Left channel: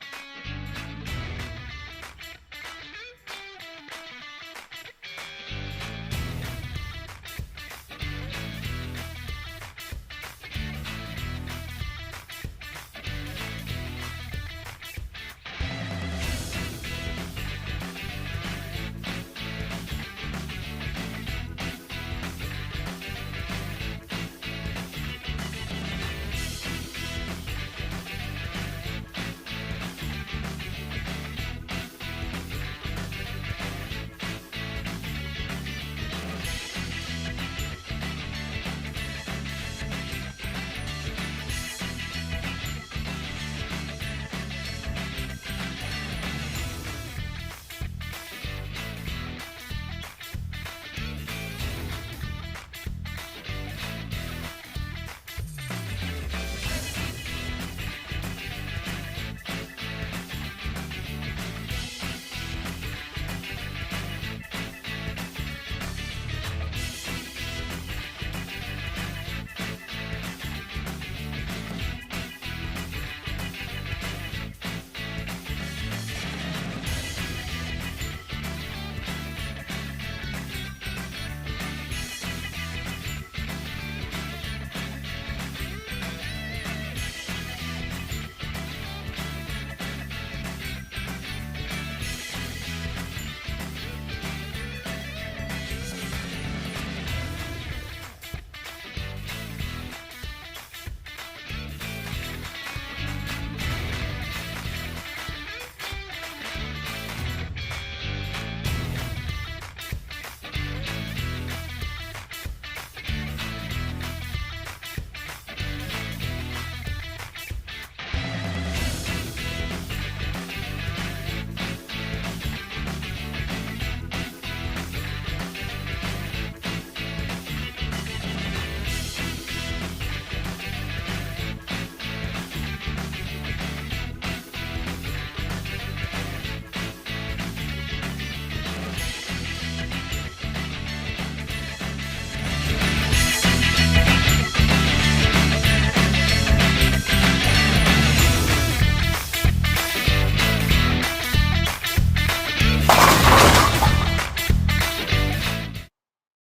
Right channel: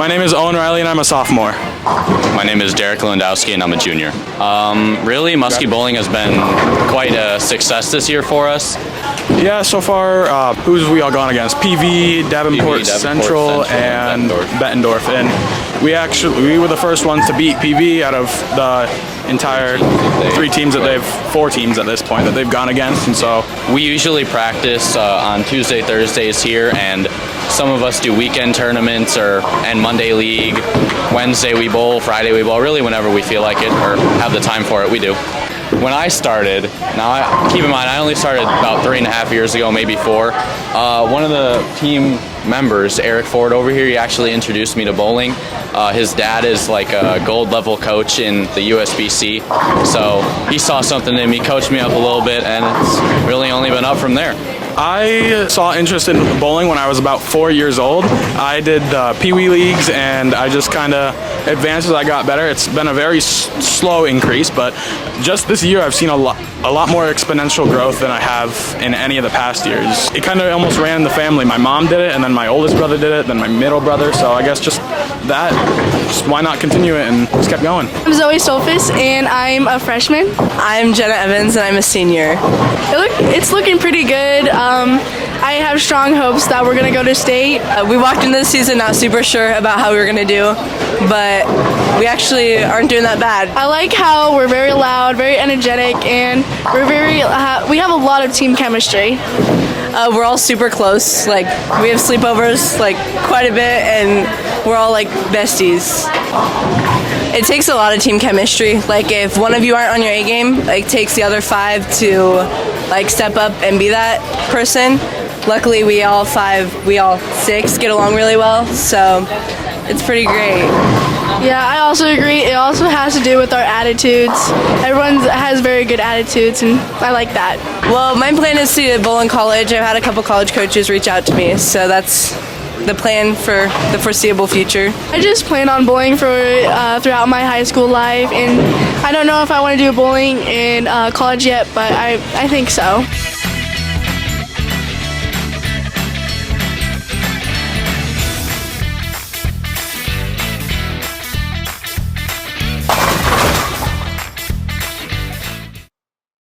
My name is Owen Riley and I'm a sophomore. My name is Derek Lewandowski and I'm a junior. Really, Muskie bowling has been quite a success this year for us. Yeah, so far, who's we all gone against? PV, Davenport Central, and Bettendorf. And we were the first ones to beat PV out of the entire four teams at this point that they've gone against. And so we usually practice on Tuesday, Thursdays here, and some of us do weekend tournaments and Monday league. Wednesday we bowl, Friday we bowl. Really, whenever we feel like it or have the time for it, we do. When I started, keep in mind, I only started about 3.5 years ago, maybe 4. One of the team members, Eric Ford over here, he actually introduced me to bowling. His dad is like a gold level coach in the USBC, so he saw something in me, coached me up a little bit, and it's really only been up from there. I saw interest in bowling when I was about 4 years old. I did the Pee Wee leagues and I just kind of advanced as I got better. It's been a very slow increase, but just this year I've seen a lot more exponential growth than I have in any of the past years. It kind of almost ran in the family. My mom did it, and then my oldest brother did it, then my middle brother, so I guess just why not continue it and just kept going. I'm Zoe Solfis and I'm a freshman. I'm Jenna Evans and I'm a senior. It's looking pretty good. I have strong hopes that we're going to go to state. We walked into this season not super sure about how we were going to do, but we actually aren't doing that bad. I like how we're very loud, very energetic, and we have a lot of team chemistry. We're all super close. Like, we have sleepovers like quite a bit, and we're all like besties. It takes a lot of team chemistry. Like, if one of you aren't on your A game, like, takes the other 5 to like step up and be that person. Luckily, we all 6 get along really well, so it's pretty great. Yeah, I also agree. It also has to do with our attitudes. Everyone has very good attitudes, and I like that. Well, my plan is to bowl in college. I've had a couple college coaches reach out to me, so that's the plan for the foreseeable future. I just plan on bowling throughout my high school life, and I don't know if I want to do bowling in college yet, but I think so.